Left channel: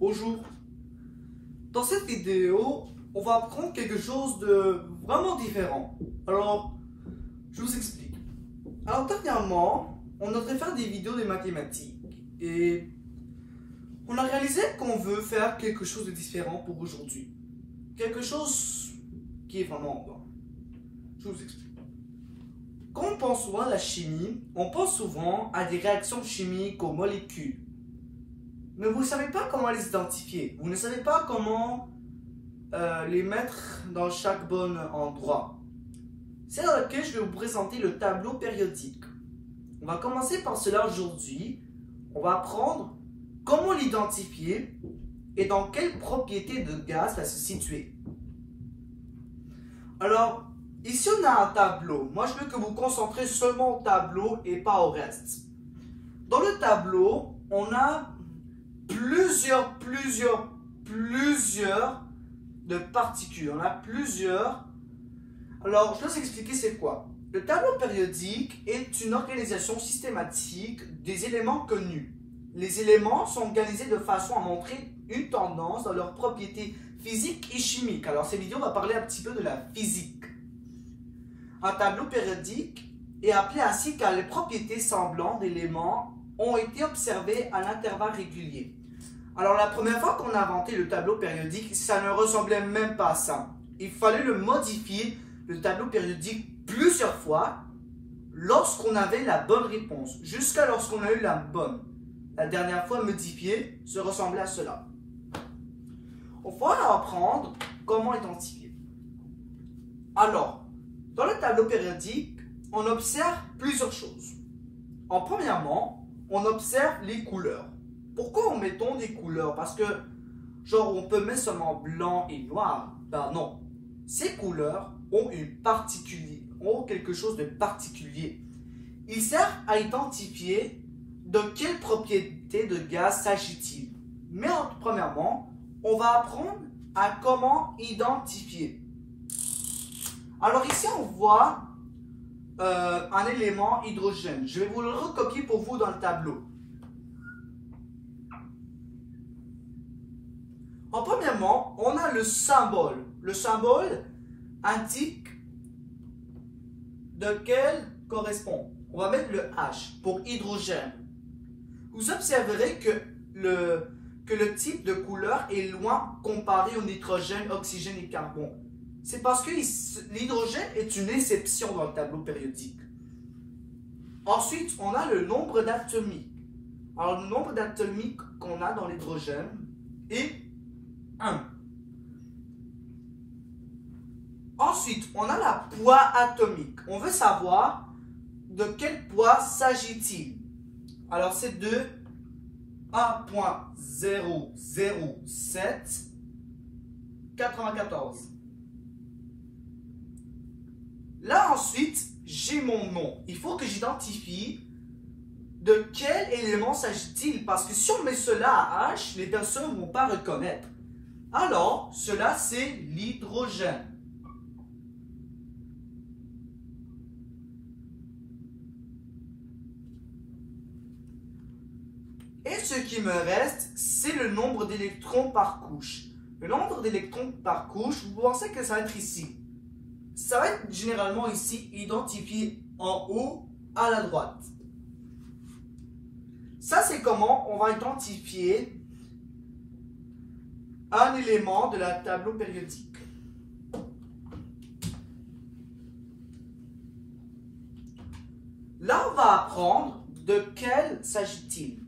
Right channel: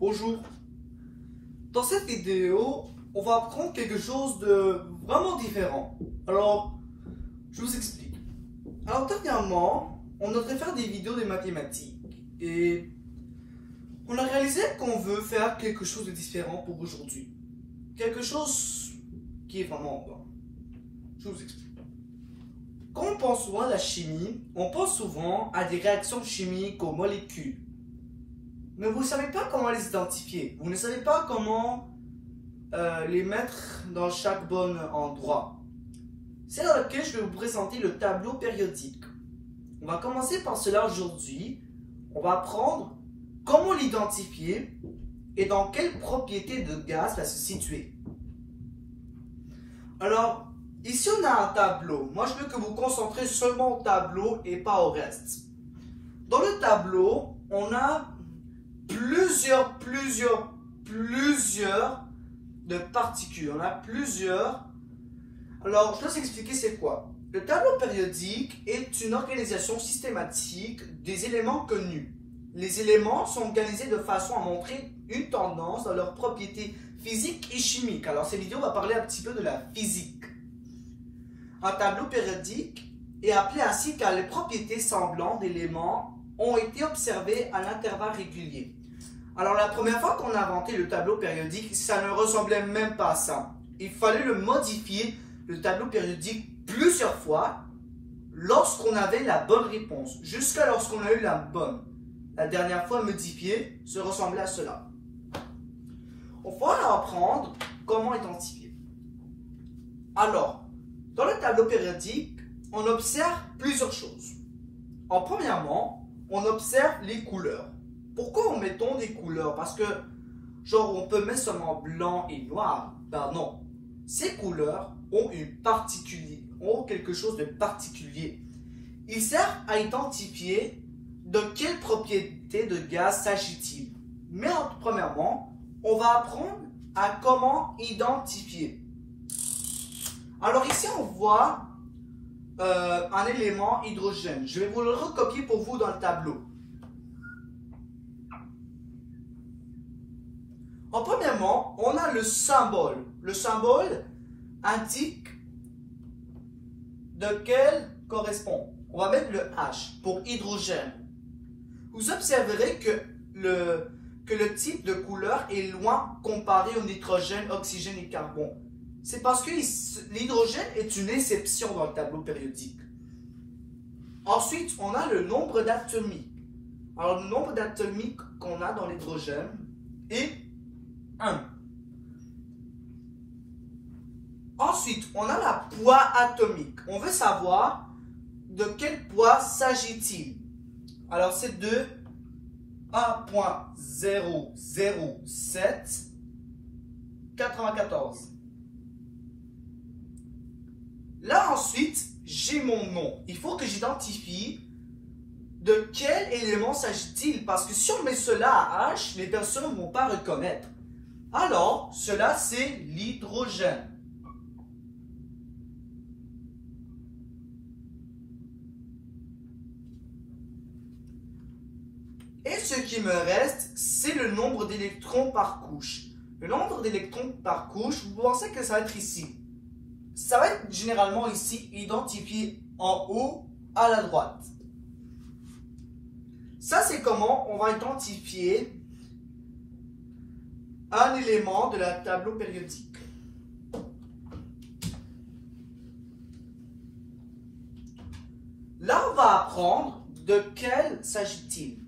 Bonjour. Dans cette vidéo, on va apprendre quelque chose de vraiment différent. Alors, je vous explique. Alors, dernièrement, on devrait faire des vidéos de mathématiques et on a réalisé qu'on veut faire quelque chose de différent pour aujourd'hui. Quelque chose qui est vraiment bon. Je vous explique. Quand on pense souvent à la chimie, on pense souvent à des réactions chimiques aux molécules. Mais vous ne savez pas comment les identifier. Vous ne savez pas comment les mettre dans chaque bon endroit. C'est dans lequel je vais vous présenter le tableau périodique. On va commencer par cela aujourd'hui. On va apprendre comment l'identifier et dans quelle propriété de gaz va se situer. Alors, ici on a un tableau. Moi je veux que vous vous concentrez seulement au tableau et pas au reste. Dans le tableau, on a plusieurs de particules. On a plusieurs. Alors, je vais vous expliquer c'est quoi. Le tableau périodique est une organisation systématique des éléments connus. Les éléments sont organisés de façon à montrer une tendance dans leurs propriétés physiques et chimiques. Alors, cette vidéo va parler un petit peu de la physique. Un tableau périodique est appelé ainsi car les propriétés semblantes d'éléments ont été observées à intervalles réguliers. Alors, la première fois qu'on a inventé le tableau périodique, ça ne ressemblait même pas à ça. Il fallait le modifier, le tableau périodique, plusieurs fois lorsqu'on avait la bonne réponse, jusqu'à lorsqu'on a eu la bonne. La dernière fois modifiée, ça ressemblait à cela. On va apprendre comment identifier. Alors, dans le tableau périodique, on observe plusieurs choses. Premièrement, on observe les couleurs. Pourquoi on mettons des couleurs? Parce que, genre, on peut mettre seulement blanc et noir. Ben non. Ces couleurs ont quelque chose de particulier. Ils servent à identifier de quelle propriété de gaz s'agit-il. Mais premièrement, on va apprendre à comment identifier. Alors ici, on voit un élément hydrogène. Je vais vous le recopier pour vous dans le tableau. Premièrement, on a le symbole. Le symbole indique de quel correspond. On va mettre le H pour hydrogène. Vous observerez que le type de couleur est loin comparé au nitrogène, oxygène et carbone. C'est parce que l'hydrogène est une exception dans le tableau périodique. Ensuite, on a le nombre d'atomiques. Alors, le nombre d'atomiques qu'on a dans l'hydrogène est 1. Ensuite, on a la poids atomique. On veut savoir de quel poids s'agit-il. Alors, c'est de 1,00794. Là, ensuite, j'ai mon nom. Il faut que j'identifie de quel élément s'agit-il. Parce que si on met cela à H, les personnes ne vont pas reconnaître. Alors, cela, c'est l'hydrogène. Et ce qui me reste, c'est le nombre d'électrons par couche. Le nombre d'électrons par couche, vous pensez que ça va être ici. Ça va être généralement ici identifié en haut à la droite. Ça, c'est comment on va identifier un élément de la tableau périodique. Là, on va apprendre de quel s'agit-il,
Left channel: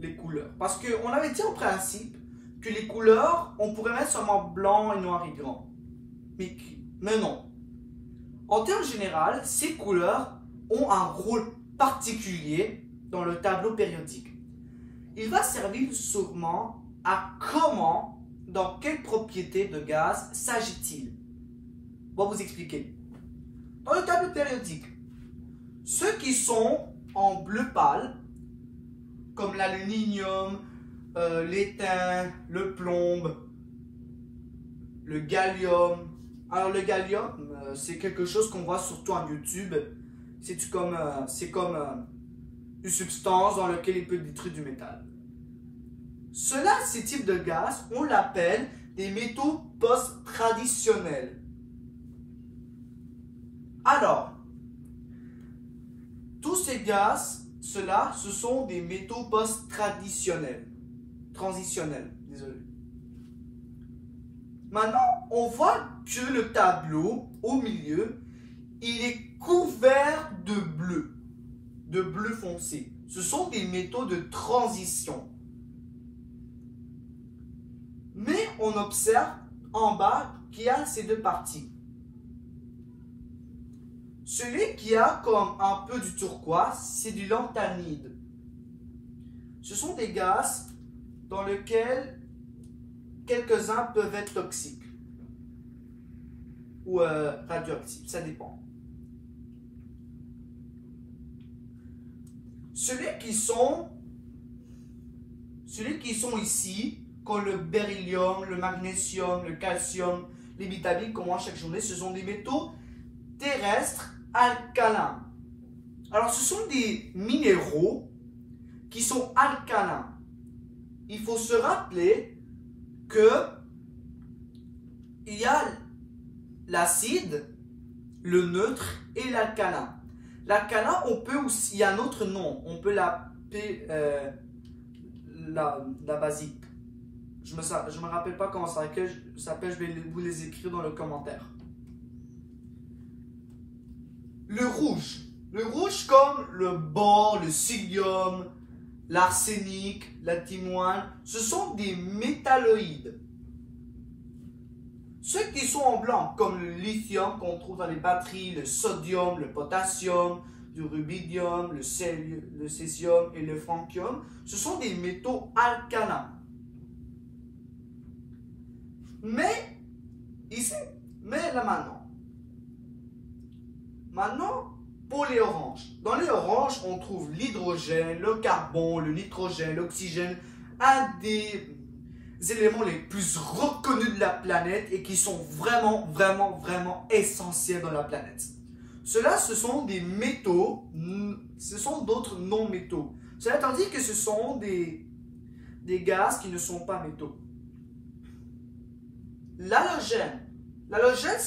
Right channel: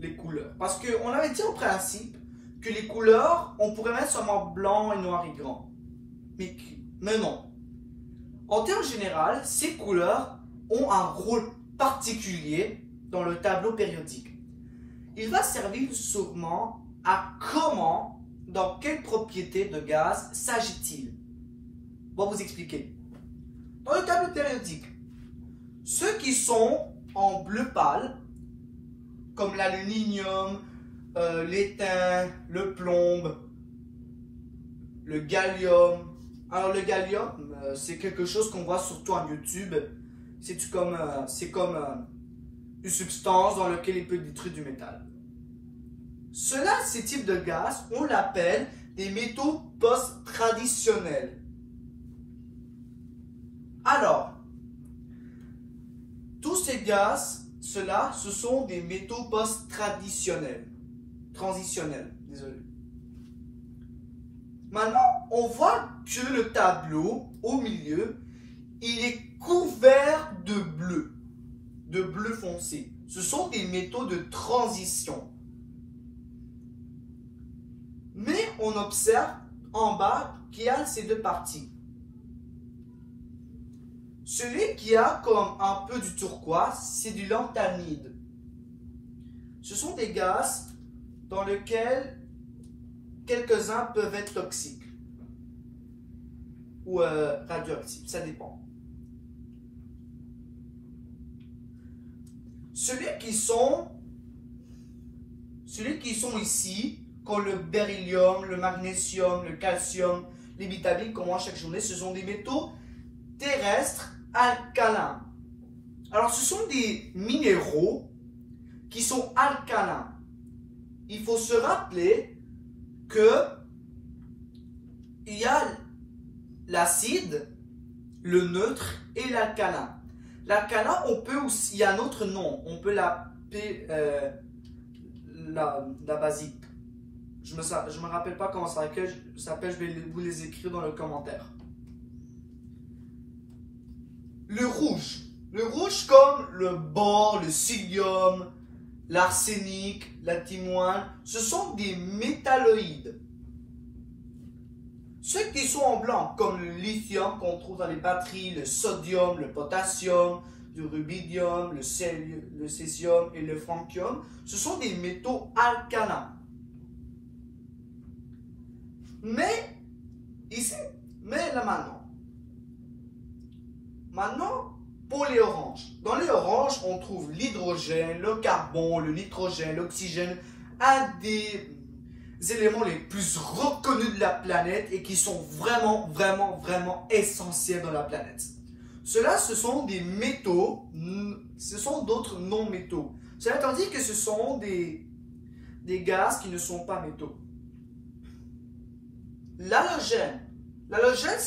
les couleurs. Parce qu'on avait dit au principe que les couleurs, on pourrait mettre seulement blanc et noir et grand. Mais non. En termes généraux, ces couleurs ont un rôle particulier dans le tableau périodique. Il va servir sûrement à comment, dans quelle propriété de gaz s'agit-il. On va vous expliquer. Dans le tableau périodique, ceux qui sont en bleu pâle, comme l'aluminium, l'étain, le plomb, le gallium. Alors le gallium, c'est quelque chose qu'on voit surtout en YouTube. C'est comme une substance dans laquelle il peut détruire du métal. Ces types de gaz, on l'appelle des métaux post-traditionnels. Alors, tous ces gaz, ce sont des métaux post-traditionnels. Transitionnels, désolé. Maintenant, on voit que le tableau, au milieu, il est couvert de bleu foncé. Ce sont des métaux de transition. Mais on observe en bas qu'il y a ces deux parties. Celui qui a comme un peu du turquoise, c'est du lanthanide. Ce sont des gaz dans lesquels quelques-uns peuvent être toxiques ou radioactifs, ça dépend. Celui qui sont ici, comme le beryllium, le magnésium, le calcium, les vitamines qu'on mange chaque journée, ce sont des métaux terrestres alcalins. Alors, ce sont des minéraux qui sont alcalins. Il faut se rappeler que il y a l'acide, le neutre et l'alcalin. L'alcalin, on peut aussi, il y a un autre nom, on peut l'appeler la basique. Je me rappelle pas comment ça s'appelle, je vais vous les écrire dans le commentaire. Le rouge comme le bore, le psyllium, l'arsenic, la timoine, ce sont des métalloïdes. Ceux qui sont en blanc, comme le lithium qu'on trouve dans les batteries, le sodium, le potassium, le rubidium, le césium et le francium, ce sont des métaux alcalins. Mais là maintenant, pour les oranges. Dans les oranges, on trouve l'hydrogène, le carbone, le nitrogène, l'oxygène, un des éléments les plus reconnus de la planète et qui sont vraiment essentiels dans la planète. Ceux-là, ce sont des métaux, ce sont d'autres non-métaux. Cela étant dit que ce sont des gaz qui ne sont pas métaux. L'halogène. L'halogène,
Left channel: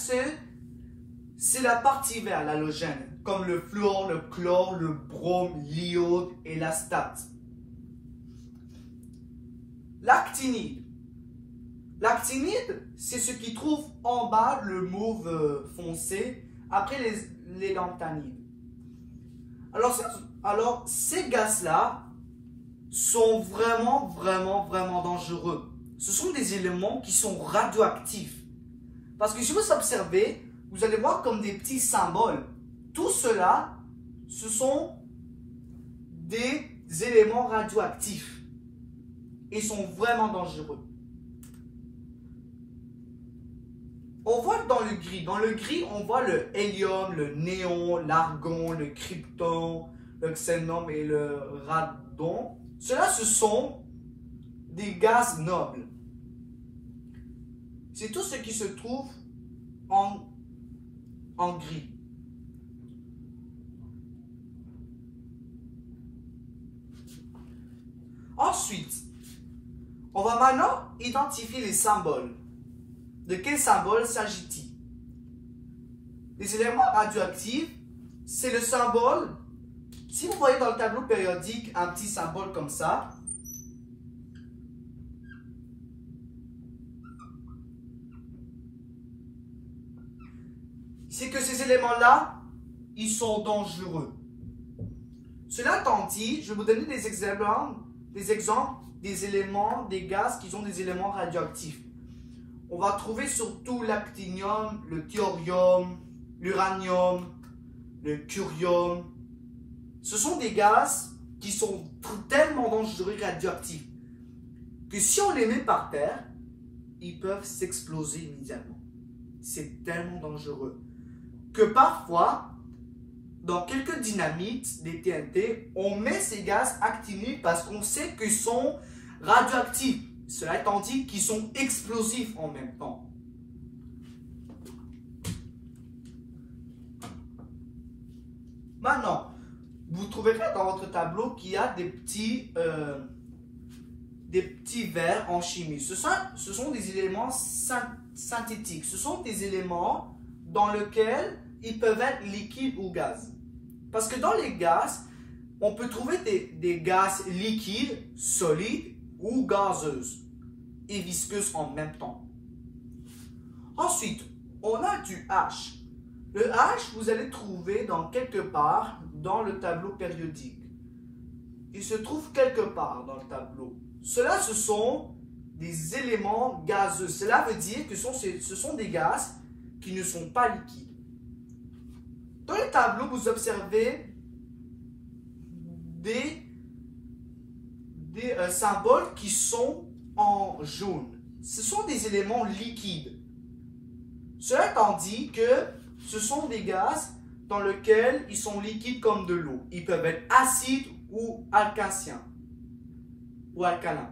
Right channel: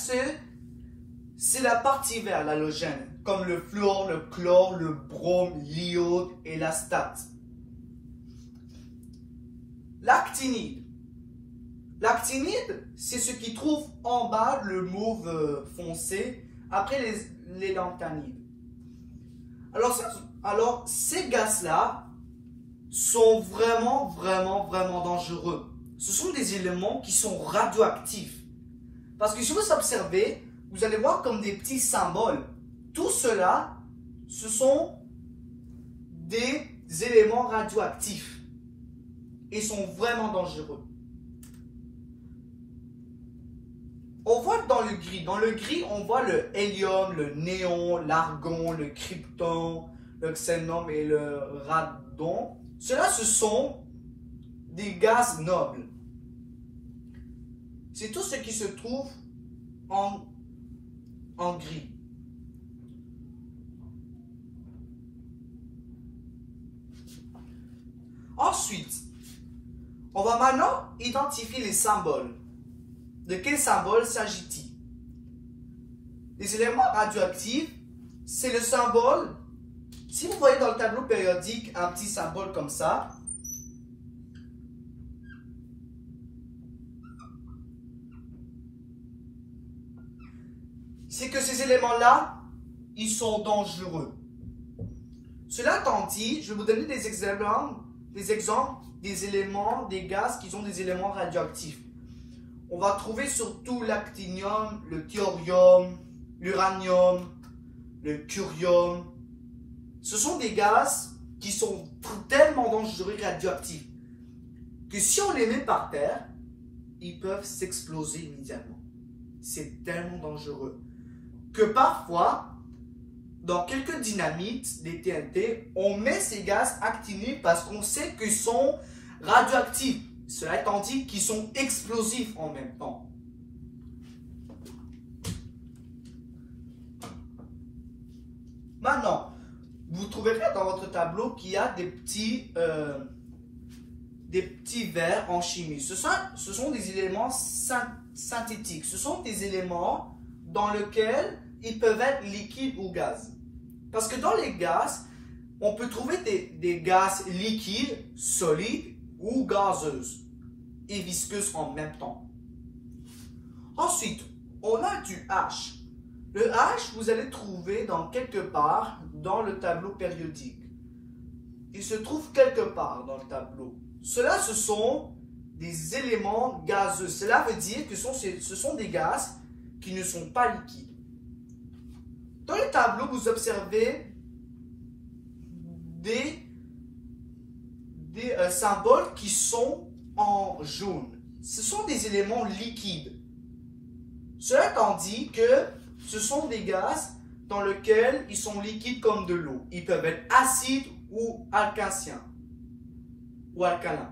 c'est la partie verte, l'halogène, comme le fluor, le chlore, le brome, l'iode et l'astate. L'actinide. L'actinide, c'est ce qui trouve en bas le mauve foncé après les lanthanides. Alors ces gaz-là sont vraiment dangereux. Ce sont des éléments qui sont radioactifs. Parce que si vous observez, vous allez voir comme des petits symboles. Tout cela, ce sont des éléments radioactifs. Et sont vraiment dangereux. On voit dans le gris. Dans le gris, on voit le hélium, le néon, l'argon, le krypton, le xénon et le radon. Cela, ce sont des gaz nobles. C'est tout ce qui se trouve en gris. Ensuite, on va maintenant identifier les symboles. De quel symbole s'agit-il? Les éléments radioactifs, c'est le symbole. Si vous voyez dans le tableau périodique un petit symbole comme ça, c'est que ces éléments-là, ils sont dangereux. Cela étant dit, je vais vous donner des exemples des éléments, des gaz qui sont des éléments radioactifs. On va trouver surtout l'actinium, le thorium, l'uranium, le curium. Ce sont des gaz qui sont tellement dangereux et radioactifs que si on les met par terre, ils peuvent s'exploser immédiatement. C'est tellement dangereux que parfois, dans quelques dynamites, des TNT, on met ces gaz actinés parce qu'on sait qu'ils sont radioactifs. Cela étant dit qu'ils sont explosifs en même temps. Maintenant, vous trouverez dans votre tableau qu'il y a des des petits verres en chimie. Ce sont des éléments synthétiques. Ce sont des éléments dans lesquels ils peuvent être liquides ou gaz. Parce que dans les gaz, on peut trouver des gaz liquides, solides ou gazeuses et visqueuses en même temps. Ensuite, on a du H. Le H, vous allez trouver dans quelque part dans le tableau périodique. Il se trouve quelque part dans le tableau. Cela, ce sont des éléments gazeux. Cela veut dire que ce sont des gaz qui ne sont pas liquides. Dans le tableau, vous observez des symboles qui sont en jaune. Ce sont des éléments liquides. Cela étant dit que ce sont des gaz dans lesquels ils sont liquides comme de l'eau. Ils peuvent être acides ou alcaciens ou alcalins.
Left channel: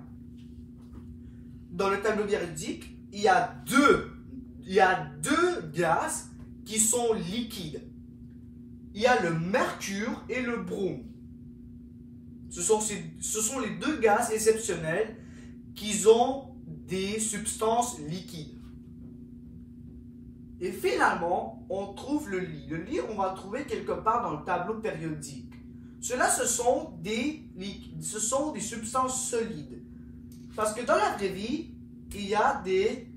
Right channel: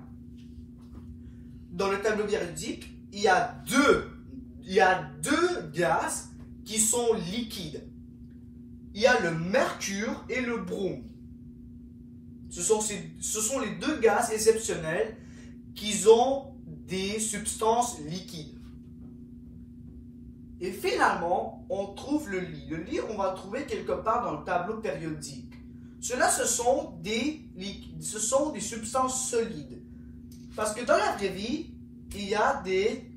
Dans le tableau périodique, il y a deux gaz qui sont liquides. Il y a le mercure et le brome. Ce sont les deux gaz exceptionnels qui ont des substances liquides. Et finalement, on trouve le li. Le li, on va le trouver quelque part dans le tableau périodique. Cela, ce sont des substances solides. Parce que dans la vraie vie, il y a des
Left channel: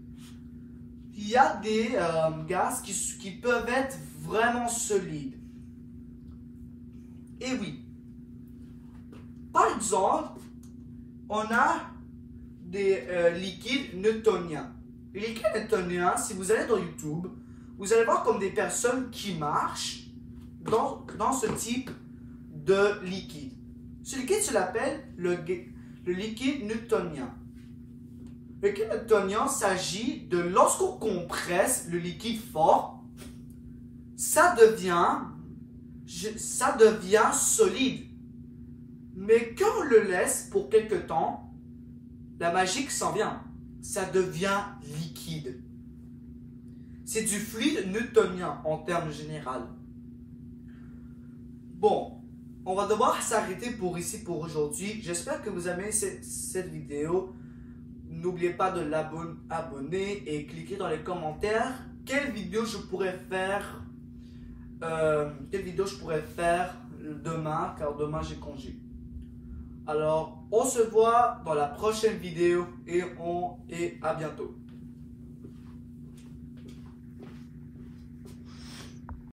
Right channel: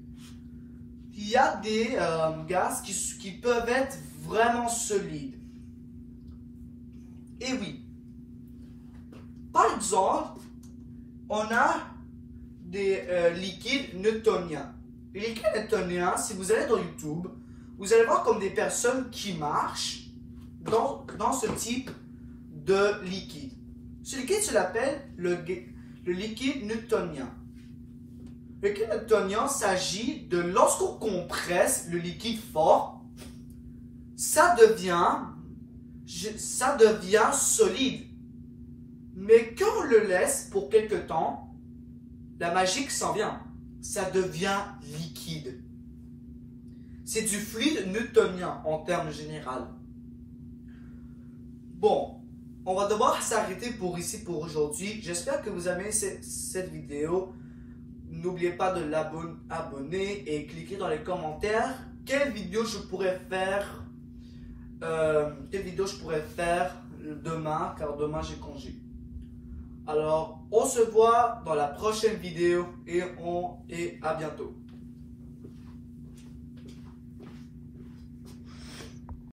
gaz qui peuvent être vraiment solides. Et oui. Par exemple, on a des liquides newtoniens. Les liquides newtoniens, si vous allez dans YouTube, vous allez voir comme des personnes qui marchent dans ce type de liquide. Ce liquide, se l'appelle le liquide newtonien. Le liquide newtonien s'agit de lorsqu'on compresse le liquide fort, ça devient solide. Mais quand on le laisse pour quelque temps, la magie s'en vient. Ça devient liquide. C'est du fluide newtonien en termes généraux. Bon, on va devoir s'arrêter pour aujourd'hui. J'espère que vous avez aimé cette vidéo. N'oubliez pas de l'abonner et cliquer dans les commentaires quelle vidéo je pourrais faire demain, car demain j'ai congé. Alors, on se voit dans la prochaine vidéo et à bientôt.